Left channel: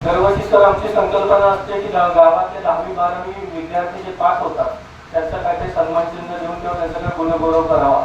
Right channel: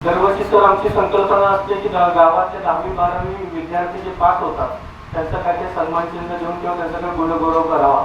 दरवर्षी सर आमची संकल्पना असते की गावातले 10वी-12वी विद्यार्थी जे पास होतात त्यांचा काहीतरी सन्मान चिन्ह देऊन किंवा त्यांचा गुणगौरव करावा.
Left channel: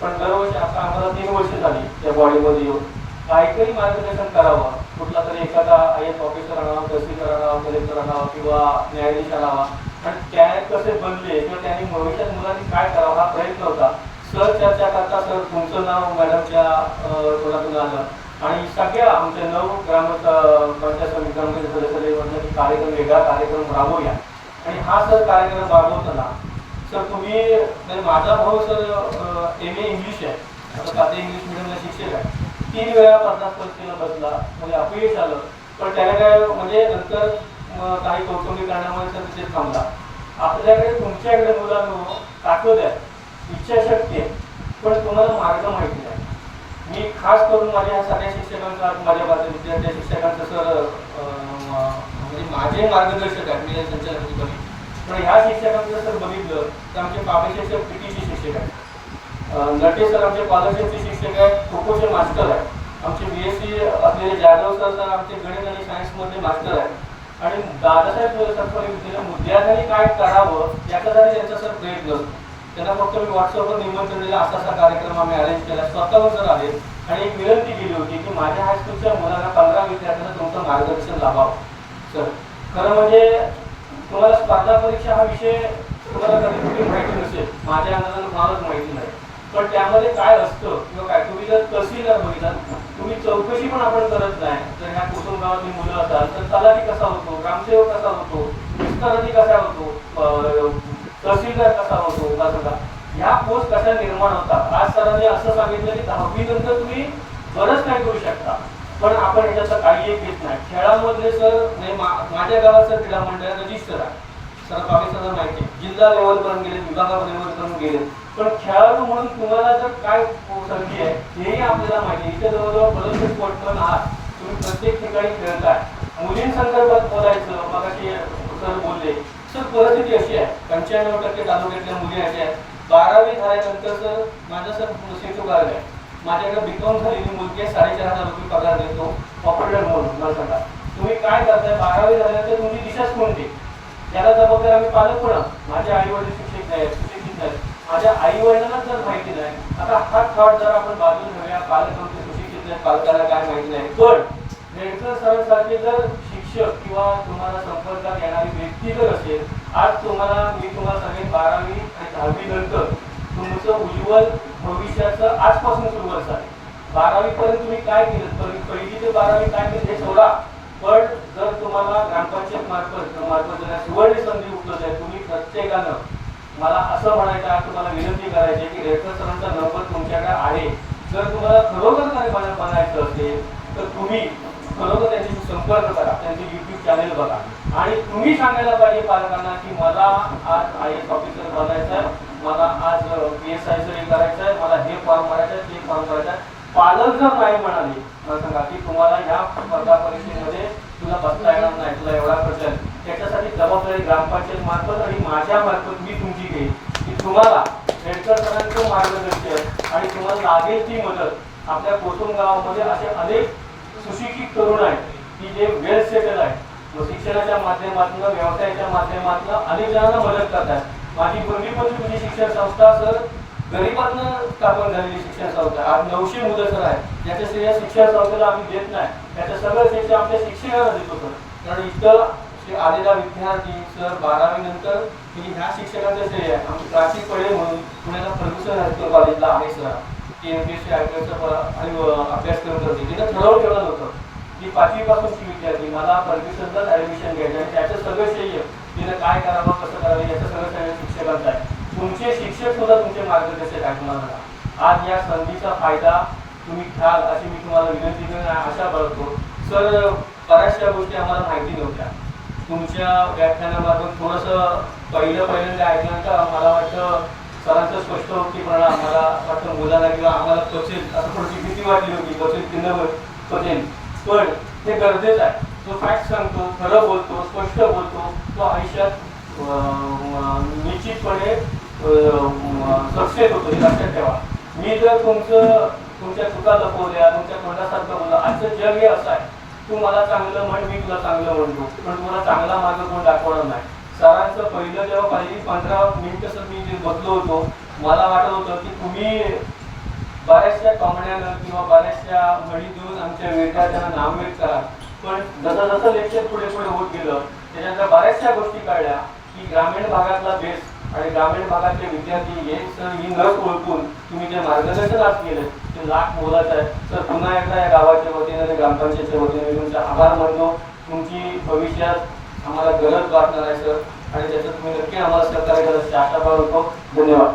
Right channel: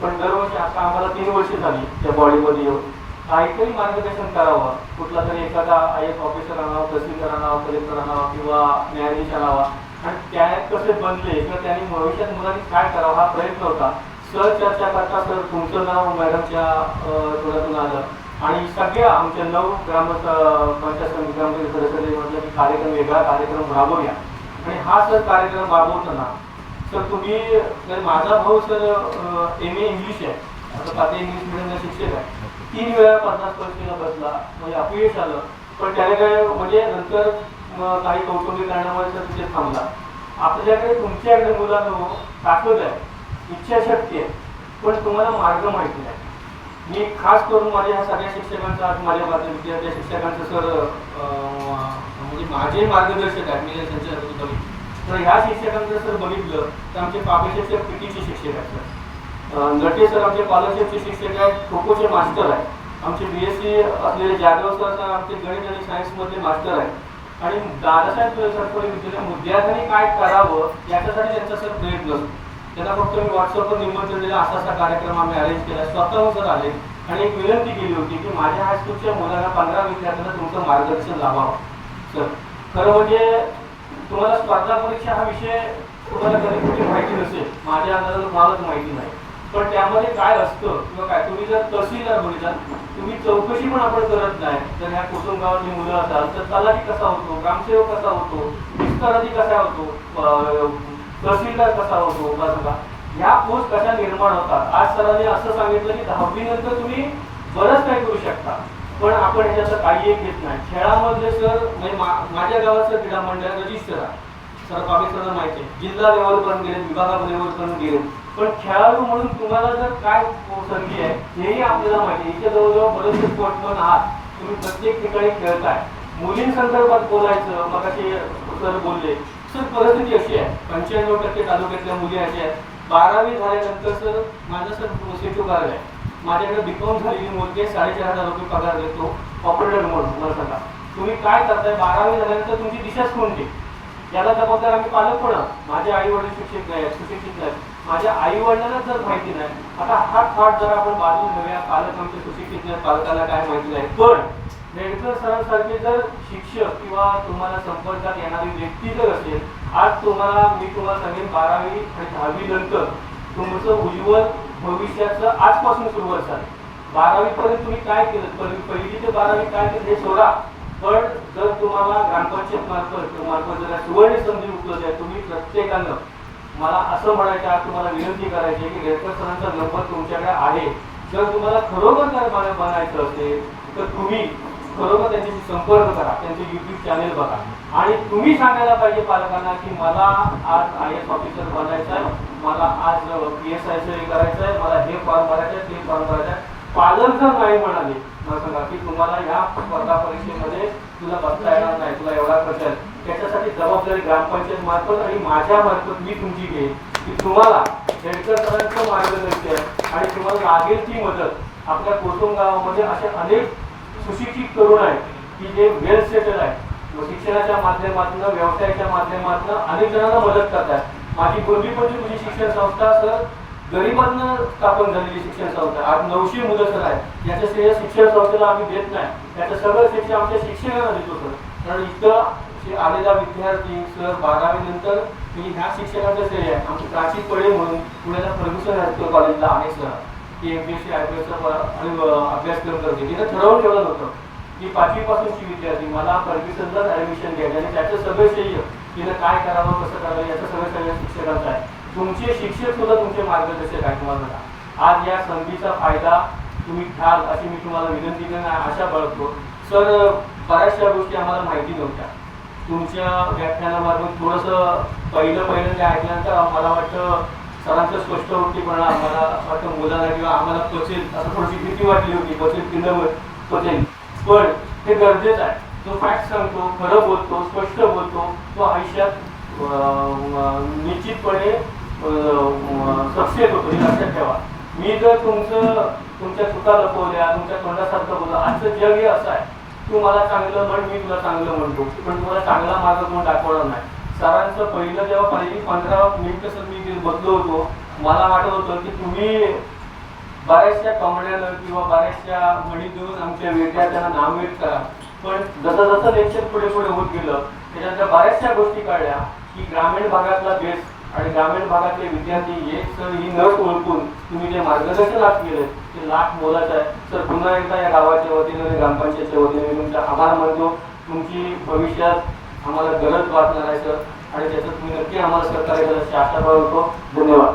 पण दरवर्षी आता आम्हाला 3 वर्ष झाली त्या बॉडीमध्ये येऊन काहीतरी मार्गदर्शन करावं. कुठला तरी एखादा IAS ऑफिसर आणावा, तहसीलदार आणावा, कलेक्टर आणावा किंवा न्यायाधीश आणावा आणि त्या कसे बनले किंवा त्यांनी भविष्यात मुलांनी काय करावं हा प्रयत्न होता. सर चर्चा करता सर तुमचं नाव मॅडमच्या तोंडातून आलं आणि सगळ्या आमच्या 9 ग्रामपंचायत समित्यांमध्ये सदस्यांनी म्हटलं की कार्यक्रम वेगळा कार्यक्रम राबवूया. आणि हा सर कार्यक्रम राबवताना सर तुम्ही माझा भाऊ सर MA इंग्लिश आहे, आता साधे इंग्लिश मिडियमला शिक्षक आहे. 3 वेळा 50 परीक्षेला बसला, म्हणजे अपयश आलं. पण त्याला काय म्हणजे नंतर काही कौटुंबिक कारणामुळे सर तिथे थांबला. आपल्याकडे तुमच्याकडे मुलांनो ताकद आहे, इच्छाशक्ती आहे, पण तुम्हाला मार्ग माहिती नाही. मी खास करून माझ्या ह्या सगळ्या शिक्षकांचा आज माझ्या विद्यार्थी शिक्षकांचं सर म्हणजे माझे मार्गदर्शक आहेत. मी त्यांच्या पण ह्या शिक्षकांचं सर बघितलं तर आमचे पापे शिक्षक PTचे शिक्षक आहेत. नटे सर आमचे स्कॉलरशिपचे शिक्षक आहेत, खो-खोचे मास्टर आहेत. आमचे BSc असलेले जाधव सर आमचे गणित आणि सायन्समधले मास्टर आहेत. आणि दादासाहेब सरकारी विद्यार्थ्यांनी काय करावं याच्यासाठी त्यांचा सर प्रयत्न असतो. त्यांना फक्त मी व्हॉट्सअपवर निमंत्रण दिलं, असा कार्यक्रम आम्ही अरेंज केला. स्वतःहून सर आले आणि एक विनंती केली होती की माझ्या हायस्कूलच्या मुलांना 15 विद्यार्थ्यांना तुमचं मार्गदर्शन लावावं. सर खरं म्हणजे तुम्हाला स्पर्धा परीक्षा हा विषय तुम्हाला कधी कुठे माहिती नसेल, माझ्या अंदाजाला तुम्हालाच माहिती नाही. पण त्यामध्ये काय असतं किंवा काय तुम्ही जर तहसीलदार बघितला तुम्ही चौकशी पण आपण करत नाही. जर ह्या कुटुंब गावातली मुलं असाल तर तलाठी कसा होतो, ग्रामसेवक कसा होतो, विस्ताराधी कसा होतो, तहसीलदार कसा होतो, बघा ह्या पोस्ट कशा निर्माण होतात. आज सरांनी असं सांगितलं की 10वी नंतर तुम्ही बरंच काही करू शकता, पण आपण ह्याच्यात काही एक घेत नाही. खेळामधले सर माझ्या गावाचं क्रीडा मंडळ रजिस्टर आहे, सर बाकी सगळं माहिती आहे. जिल्हा लेवलपर्यंत गेले, विभागा लेवलपर्यंत गेले, पण खेळाडू म्हणून तुम्हाला जर काय संधी आहे हेही आपल्याला माहिती आहे. इथे जवळजवळ बरेचसे स्पोर्ट्समन आहात, तुम्ही प्रत्येक ठिकाणी खेळताय. मुलींसंदर्भात बोलायचं मग असे सर बोलले. सर परिस्थिती अशी आहे 95% तालुक्यातल्या मुली अशा आहेत. 12वी झाल्यानंतर सर माझं सर सेतू कार्य आहे. माझ्याकडे BCom झालेली मुलगी 4,500 रुपये पगार देतो ऑपरेटर म्हणून. मला सांगा तुम्ही काय करताय, 12वी झाल्यानंतर तुमची दिशाच कोणती, याला जबाबदार आम्ही पालक पण. माझे आई वडील शिक्षक नाही, सुशिक्षित नाही, माझ्या आई वडिलांना जर माहिती नाही. आता हा थॉट जर आपण बाजूला ठेवूया, पालक आमचे सुशिक्षित नाही, पालकांना काय माहिती नाही. पण रेडकर सरांसारखे जर शिक्षक किंवा तुम्हाला संपर्कात येणारी व्यक्ती जर असेल, आज मी तुम्हाला सांगेन 12वी आणि 10वी नंतर तुमचं उज्ज्वल भविष्याचं आजपासून सुरुवात झाली. 12वी पर्यंत तुम्ही काय केलं, पहिली ते 12वी काय केलं हे सोडा. पण जर तुम्हाला ग्रामपंचायत मार्फत जर सुवर्ण संधी उपलब्ध आहे, तुम्ही प्रत्येकानं मला असं म्हणायचं आहे, तुम्हाला विनंती करायची आहे की रेडकर सरांचा नंबर तुमच्याकडे आहे. जर तुम्हाला खरोखर काय बनायचं असेल तर तुम्ही खरोखर त्यांच्याशी संपर्क करा, त्यांचे YouTube चॅनेल बघा आणि तुम्ही सांगायला पाहिजे पालकांना की मला आज IAS ऑफिसर बनायचं आहे, मला आज PSI हे करायचं आहे, मला हे फॉर्म भरायचं आहे, ते फॉर्म भरायचं आहे. पालक जर नाही म्हणाले, मला सांगा की तुम्हाला ह्या स्पर्धा परीक्षेमध्ये तुला बसता येणार नाही, तुला एवढा खर्च आहे, त्याच्यासाठी जबाबदारी ग्रामपंचायत मार्फत आणि माझ्या मार्फत मी तुमची घेईन की तुम्हाला रेडकर सरांचं मार्गदर्शन आणि तुम्हाला लागेल ती मदत. आपल्या कोटुंब गावामध्ये असे अनेक सुशिक्षित तरुण आहेत की जे वेल सेटल आहेत, शिक्षणाच्या माध्यमातून व्यवसायाच्या माध्यमातून अनेक जणांना मदत करतात. माझी पूर्वीपासून तुझी शिक्षण संस्था सर गरिबातनं स्थापन झालेली शिक्षण संस्था, आज 900 मुलं सर आहेत. याच्या श्रेय शिक्षण संस्थेला आम्ही देत नाही, त्याचं सगळं शिक्षण आमच्या शिक्षकांना देतो सर. कारण इथं आलेला विद्यार्थी सर 12वी नंतर तुम्ही ह्या शिक्षकांचं श्रेय आहे. आमची प्राची पडे म्हणून पुण्याला परमिशन हायस्कूल कॉलेजला आहे सर, ती MPSC IPSचा अभ्यासक्रम करते. तिनं ठरवून ठेवलं होतं की 5वी पासूनची विद्यार्थी मला परमिशनलाच ऍडमिशन घ्यायचं आणि त्याचं सगळं श्रेय तिनं काय करावं कसं करावं याचं सगळं शिक्षकांचं आहे. तुमचे शिक्षक सुद्धा तुमचे मार्गदर्शक आहे. तुम्हाला आज या संधीचा फायदा तुम्ही घ्याल अशी मी तुम्हाला विनंती आशा बाळगतो. सर बऱ्याचशा गोष्टी आम्हाला माहिती नव्हत्या, तुमच्या व्याख्यानामार्फत थोडंसं पहिल्यांदा ऐकल्यानंतर मला वाटतं सरांचं स्पष्ट वृत्तीपणा आम्हाला वाटतं मुलांना किंवा आम्हाला पचेल असं थोडीशी भीती वाटली होती, पचेल की न पचेल, पण हे गरजेचं आहे. जो फॅक्ट सांगतो, खरं बोलतो, स्पष्ट बोलतो, तो आयुष्यात निश्चितपणे सक्सेस होतो, हे लक्षात ठेवा. मी जर तुमच्या चुका लपवल्या, तुमच्या तोंडासारखं बोलला, आजचं जग हे असं आहे तू मला चांगलं म्हण, मी तुला चांगलं म्हणतो, पण तुम्हाला चांगला मार्ग कोण दाखवणार नाही. सरांचं पहिलं जेव्हा पहिली 15 मिनिटं सर मी जे बसलो होतो, मला वाटत होतं की तुम्ही बऱ्याचशा कमण्यानं किंवा बऱ्याचशा म्हणी देऊन आमच्या विद्यार्थ्यांना नामवित करा. पण जसं जसं लेक्चर पुढे पुढे होत गेलं त्याच्यातल्या बऱ्याचशा गोष्टी कळल्या की ग्रामीण भागातला बेस आणि ग्रामीण भागातले विद्यार्थी हे सर ही नस ओळखून तुम्ही जे मार्गदर्शन आज केलं ते लाख मोलाचं आहे. तर पुन्हा एकदा या गावाच्या वतीनं ग्रामपंचायतच्या वतीने मी तुमचा आभार मानतो. तुमची भविष्यात आम्हाला गरज वाटणार आहे सर, आणि त्याचं तुम्ही नक्की आम्हाला सहकार्य करायची आशा करतो. धन्यवाद.